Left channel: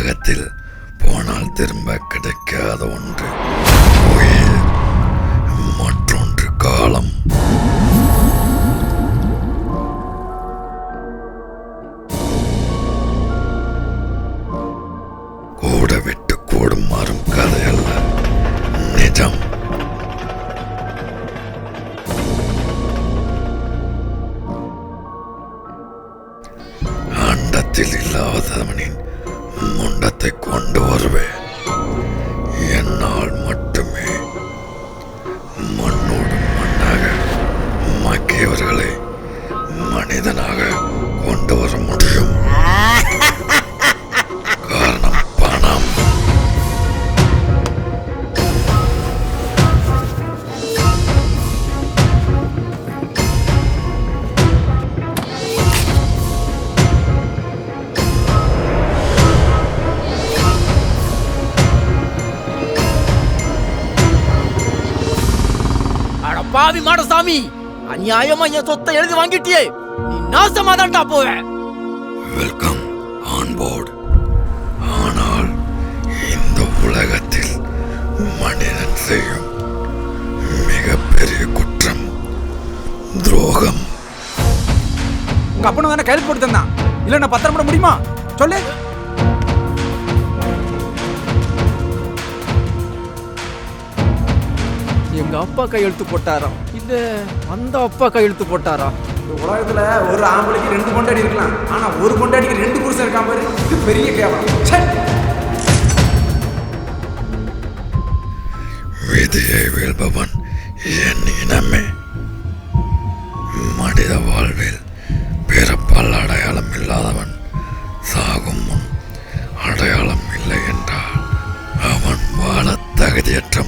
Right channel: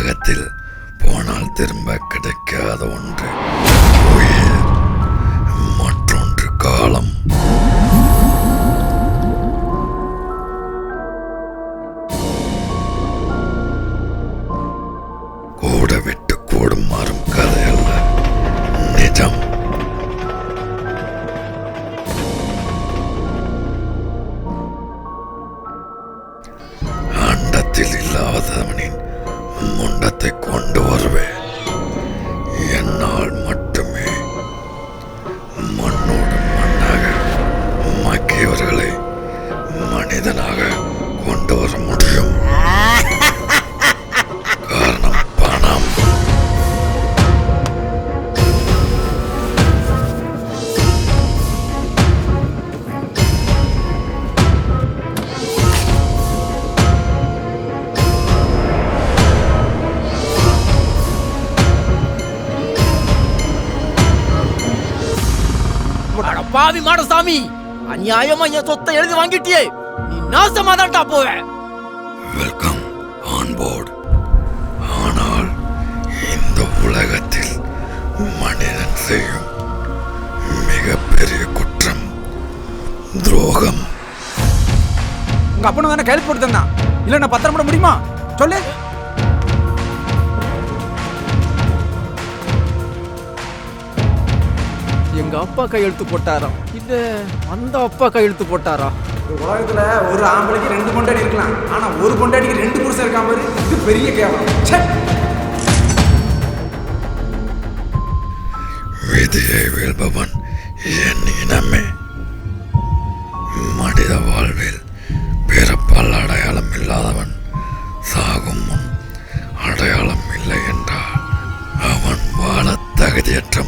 உலகத்தில் போனால் திரும்ப கிடைக்காத ஒன்று உயிர், மற்றொன்று காலம். கூட விட்டு கூடும் மாறும் கதை அல்ல, நிஜம். அண்டத்தில் இல்லாதவனின் முண்டத்தை கொண்டு வருவேன். என்னால் மட்டுமே மண்ணோடு மண்ணாக மக்கியவர்களை மனிதனாக கொண்டு வர முடியும். காரணம் பணம். பாவி மாடசாமி, அநியாயமா என் சொத்தை எழுதி வாங்கிட்டியே, நீ நாசமாதான்டா போவ. Welcome on board. ஆனால் இந்த உலகத்தில் மனிதன் செய்யும் மிகப்பெரிய குற்றம் துரோகம். உங்க அப்பனும் தானே கையெழுத்து போட்டு தந்தான், இல்ல நான் பத்திரம் போட முடியுமா சொல்லு. எங்க அப்பா கையெழுத்து போட்டாரா இல்ல அந்த அப்பா கையெழுத்து போட்டாரா? உலகத்துல ஒரு ஆம்பளைக்கு 2 பொண்டாட்டி இருக்கலாம், ஆனா ஒரு பொண்டாட்டிக்கு 2 புருஷன் இருக்கான் பாரு, இது பெரிய கேவலம். விதியை வெல்பவன் என் இனமே. மனித வாழ்வில் பிறப்பால் அடையாளம் இல்லாதவன் சாகும் முன் அடையாளம் இல்லை என்றால் அவன் வாழ தகுதியற்ற